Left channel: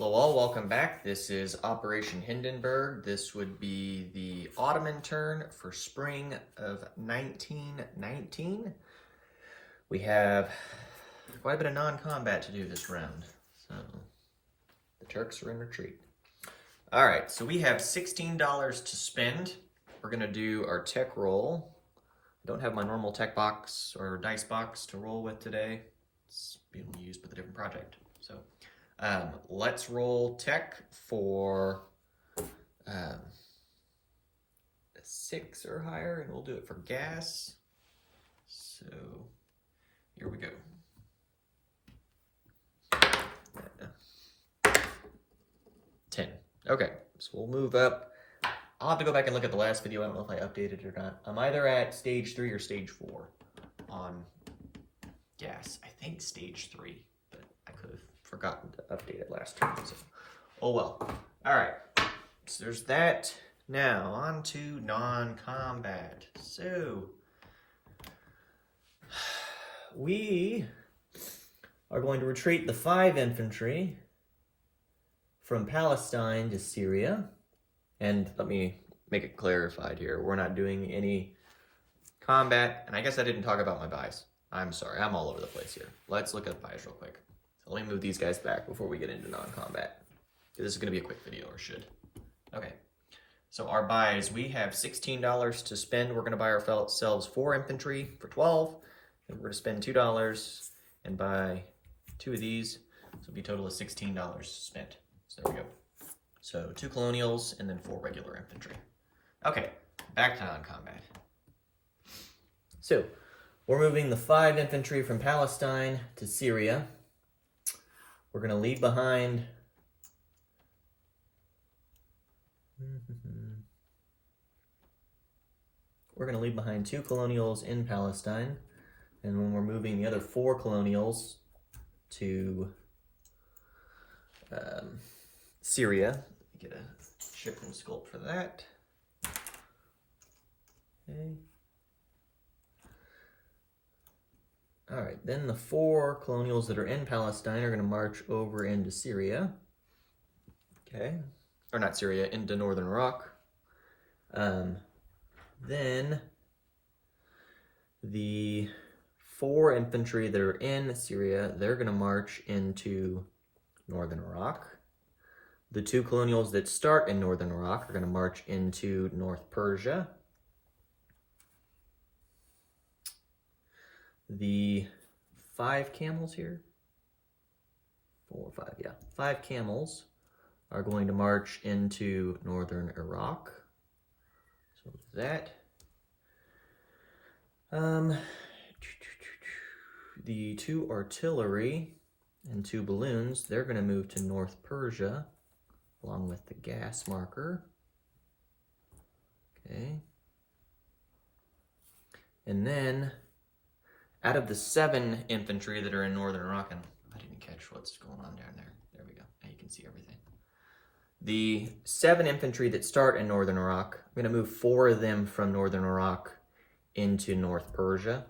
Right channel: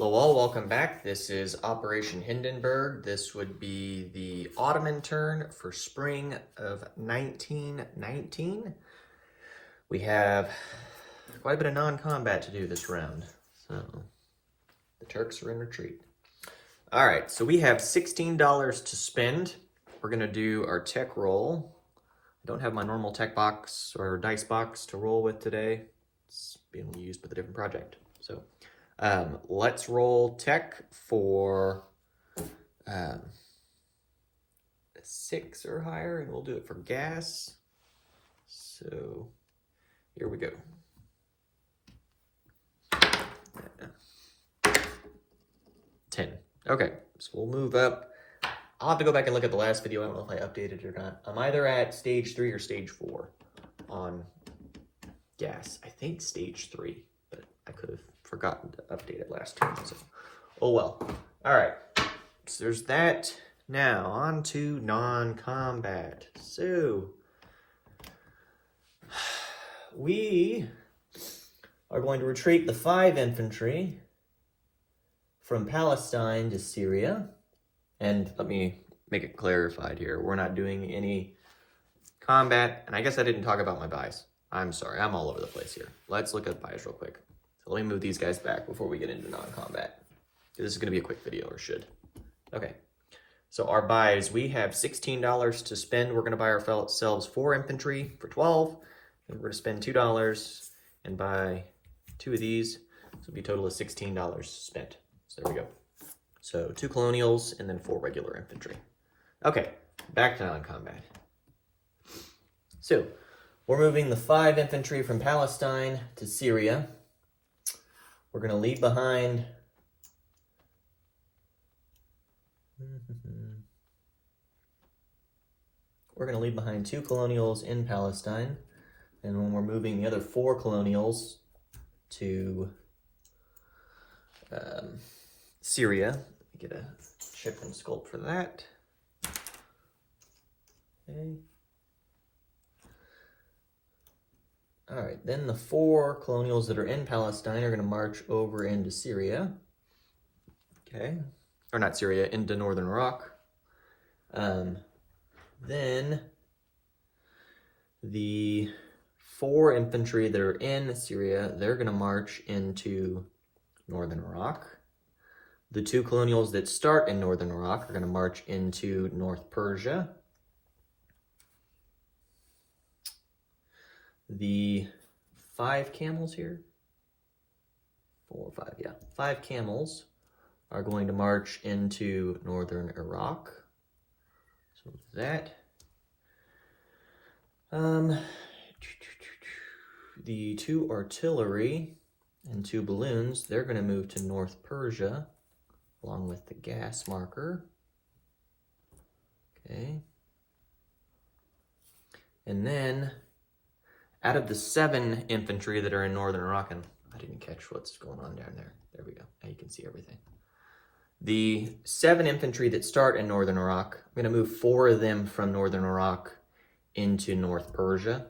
Hello all, welcome back. This is Operation Hindenburg. This would be the Ottoman turn for spring of 1919. We have quite a bit of non-combat to do this round, so the Turks are in retreat. All right, so we have $16 to spend. We're gonna do our tech roll. I don't have my normal tech box or dice box to roll with today. It's being used with a different project, so. Let's roll tech for 6 or higher, and we'll do it for gas. So here we go. 10. Okay, so we'll move up. I'll have to go back and look at the last video. I don't know if I updated it or not. I'm either at stage 3 or stage 4 on gas. I think stage 3, but I could have forgotten to update it last time. So, oh well. All right. So there's that. Now on to non-combat. So we are going to retreat the 5 infantry from Palestine to Syria. And let me make it clarified here. We're not doing any combat. And I guess I didn't talk about my buys. I'm sorry. I'm all over the place here. Let's look at buys real quick. So let me move these guys back before we get into non-combat. This is going to be a quick video, or should. Okay. So our buys, we have $16 to spend. We're going to buy ourselves 4 infantry for 12. And we're going to spend $2 and buy 2 of these. So it'll be a total of $16 spent. So there we go. So 2 colonials and then 4 regular infantry. Okay, back to non-combat. So we're moving the 5 infantry from Palestine to Syria. We're going to leave behind We're going to leave behind 2 colonials in Palestine, and when we're moving the other 4 colonials to Syria, get a ship and sculpt for that. Okay. All right, then the 4 colonials that are in Palestine are going to march over into Syria. Okay, or not Syria, into northern Iraq. Then the 4 infantry that are in Syria, they're going to march into northern Iraq. The 2 colonials that start in northern Iraq are going to march into North Persia. The 5 camels here, 4 or 5, yeah. 5 camels are going to march into northern Iraq. So that. The 2 artillery and 2 balloons, they're going to move to North Persia along with the gas marker. Okay. And then out of the 7 infantry that are in northern Iraq, and I didn't catch what's going on down there. There we go. Now you can see everything. The 7 infantry that start in northern Iraq, I'm going to move 4 of them from northern Iraq into North Persia.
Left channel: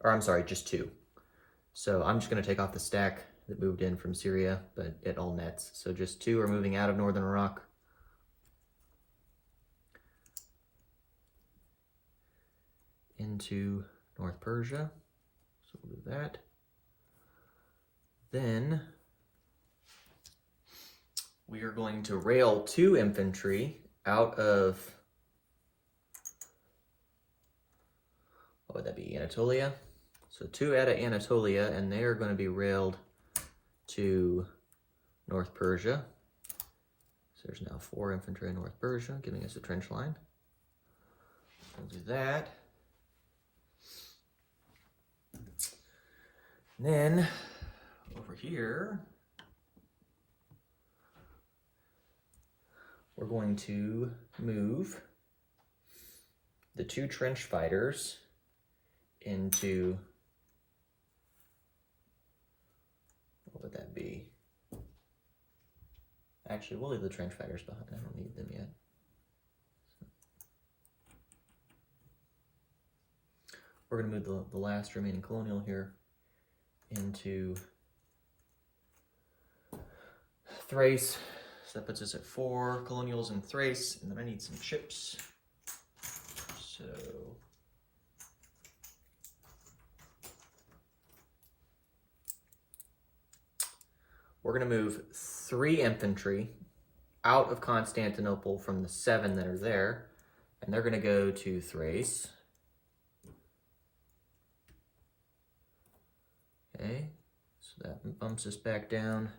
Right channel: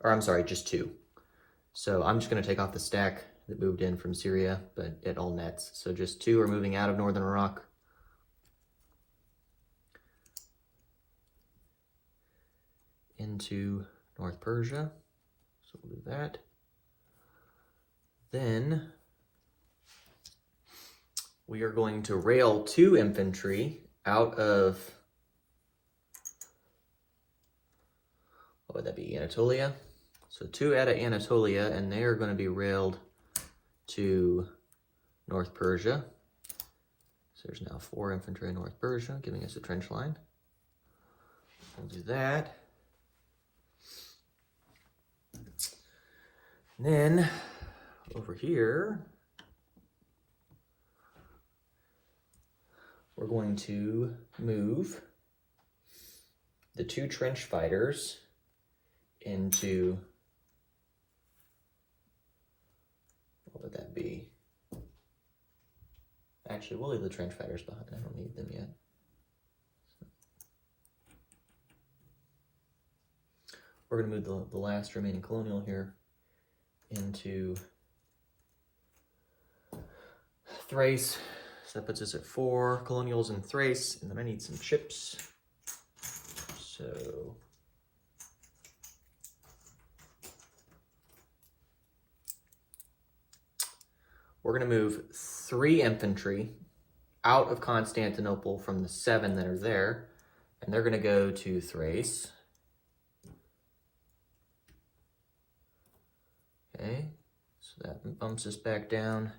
Or I'm sorry, just 2. So I'm just going to take off the stack that moved in from Syria, but it all nets. So just 2 are moving out of northern Iraq. Into North Persia. So we'll do that. Then we are going to rail 2 infantry out of, what would that be, Anatolia? So 2 out of Anatolia, and they are going to be railed to North Persia. So there's now 4 infantry in North Persia, giving us a trench line. I'll do that. And then over here, we're going to move the 2 trench fighters into, what would that be? Actually, we'll leave the trench fighters behind. I don't need them yet. We're going to move the last remaining colonial here into Thrace. So that puts us at 4 colonials in Thrace, and then I need some chips. So we're going to move 3 infantry out of Constantinople from the 7 that are there, and they're going to go to Thrace. Okay, so that bumps us back down.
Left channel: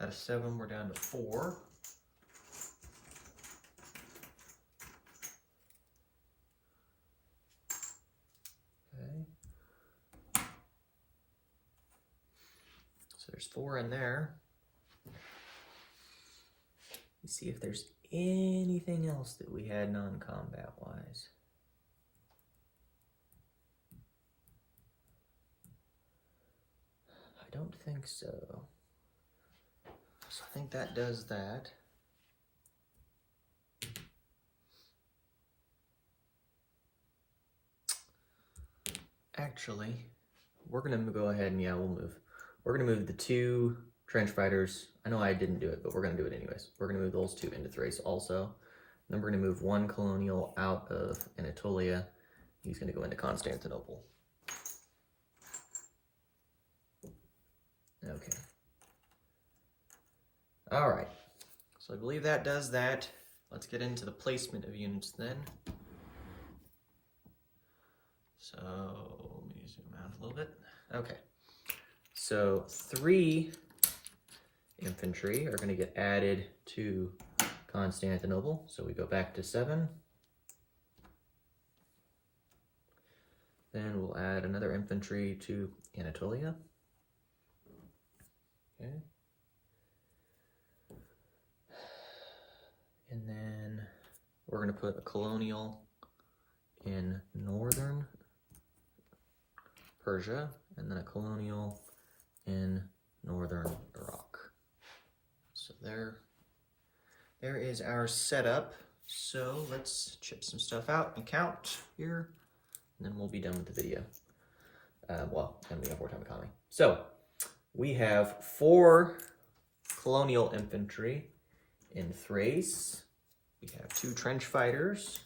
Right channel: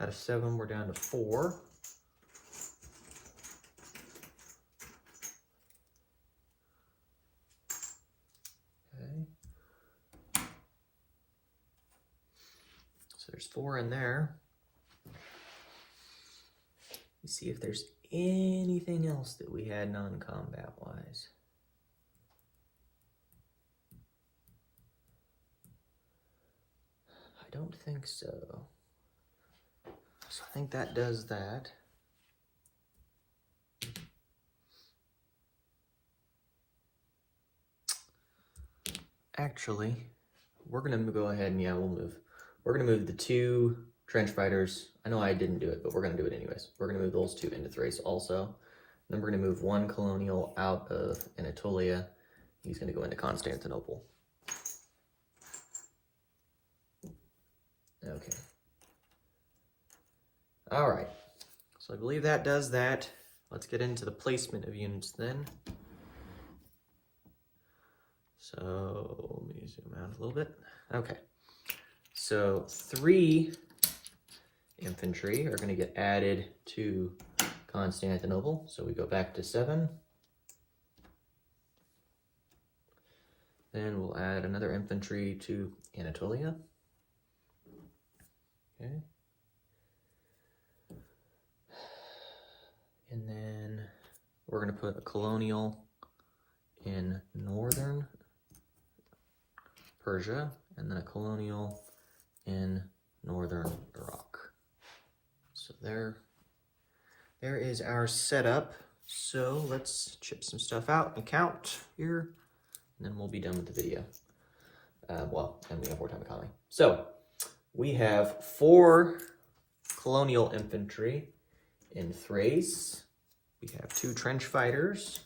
Out of 7, we're down to 4. Okay. So there's 4 in there. Let's see if there's anything else that we had non-combat wise. I don't think so. So I think that does that. Actually, we're gonna go ahead and we'll move. We're gonna move the 2 trench fighters. I know I didn't do it, but we're gonna do it anyways. We're gonna move those 2 into Thrace also. And then we're gonna move 1 colonial out of Anatolia. He's gonna go into Constantinople. Okay. All right. So I believe that does that. Let's get into the placement of units then. So let me zoom out a little bit. Okay. So 3 infantry are going to get added to Constantinople. So we go back to 7. Then we'll add another infantry to Anatolia. Okay. And then we're going to put a colonial in northern Persia, and then a colonial in northern Iraq. So there is our setup. So let's chip some stuff out and count here, and then we'll be done with the video. And we have wartime economy. So we have 4 colonial infantry in Thrace. We have 2 trench fighters.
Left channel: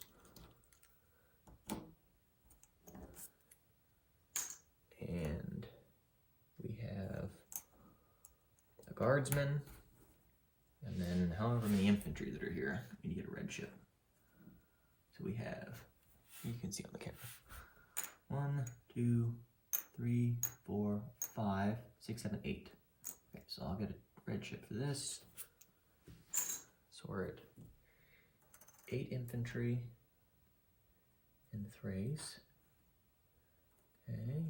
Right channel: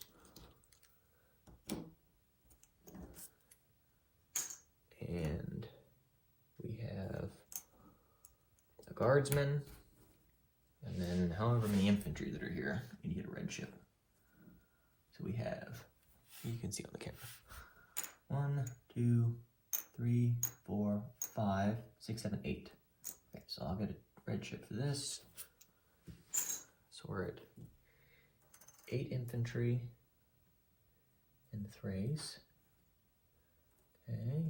And we have a guardsman. And then however many infantry that are here, you need a red ship. So we have, you can see on the camera, 1, 2, 3, 4, 5, 6, 7, 8. Okay, so I'll get a red ship for this. So we're at 8 infantry in Thrace. Okay.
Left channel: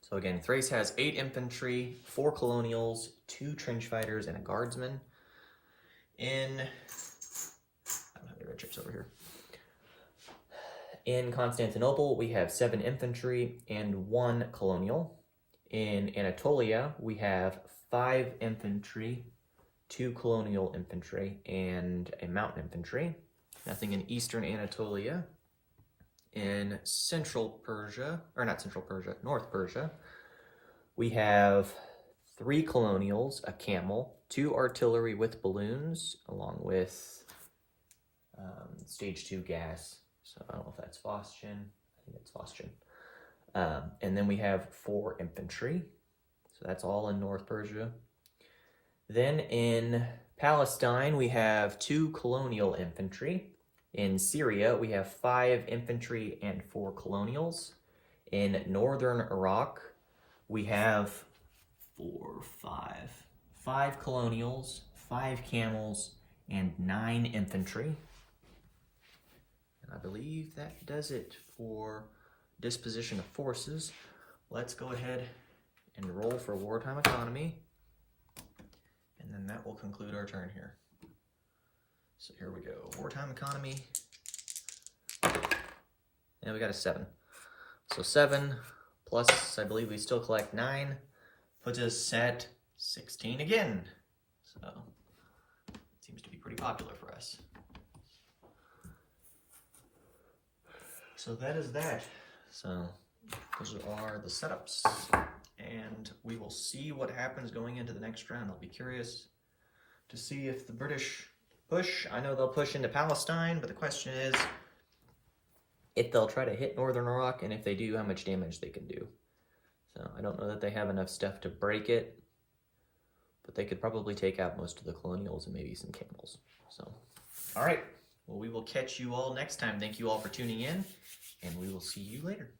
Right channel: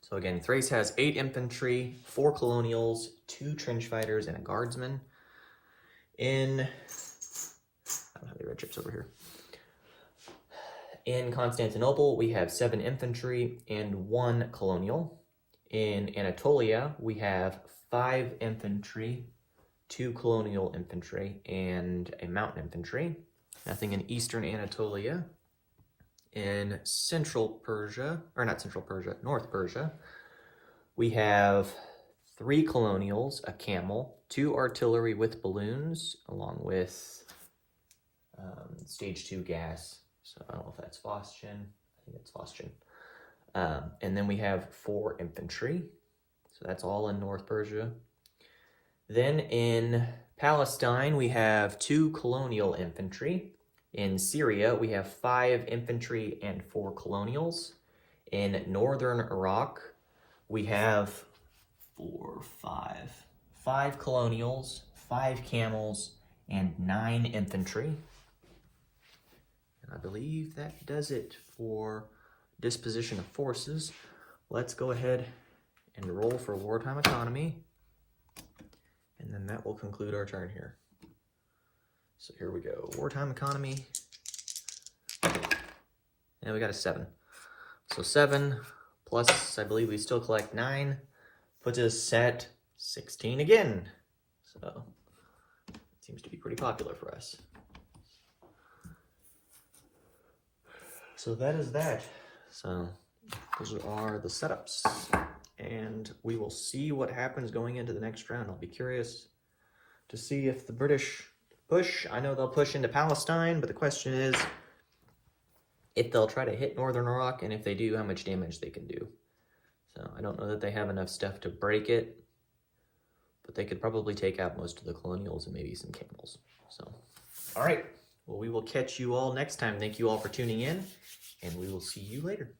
So again, Thrace has 8 infantry, 4 colonials, 2 trench fighters, and a guardsman. I don't have the red chips over here. In Constantinople, we have 7 infantry and 1 colonial. In Anatolia, we have 5 infantry, 2 colonial infantry, and a mountain infantry. Nothing in eastern Anatolia. In central Persia, or not central Persia, North Persia, we have 3 colonials, a camel, 2 artillery with balloons, along with stage 2 gas. So I don't know if that's Phosgen. I think it's Phosgen. And then we have 4 infantry. So that's all in North Persia. Then in Palestine, we have 2 colonial infantry. In Syria, we have 5 infantry and 4 colonials. In northern Iraq, we have 5 colonials, 5 camels, and 9 infantry. And I believe that does it for disposition of forces. Let's go ahead and roll for wartime economy. And then that will conclude our turn here. So here we go, wartime economy. And we got a 7. So 7 plus, I believe we still collect 9, puts us at 16 again. So seems to be pretty popular for us. So that is that. So those are the setups. And we will see what happens going into the next round. I'll be curious to see if the British push. I know they'll push into Palestine, but the question is if they'll try to hit northern Iraq, and if they do, how much damage they can do. So I don't know that they have enough stuff to break it, but they could probably take out most of the Colonials and maybe some Camels. So, all right. Well, we will catch you all next time. Thank you all for tuning in, and we will see you later.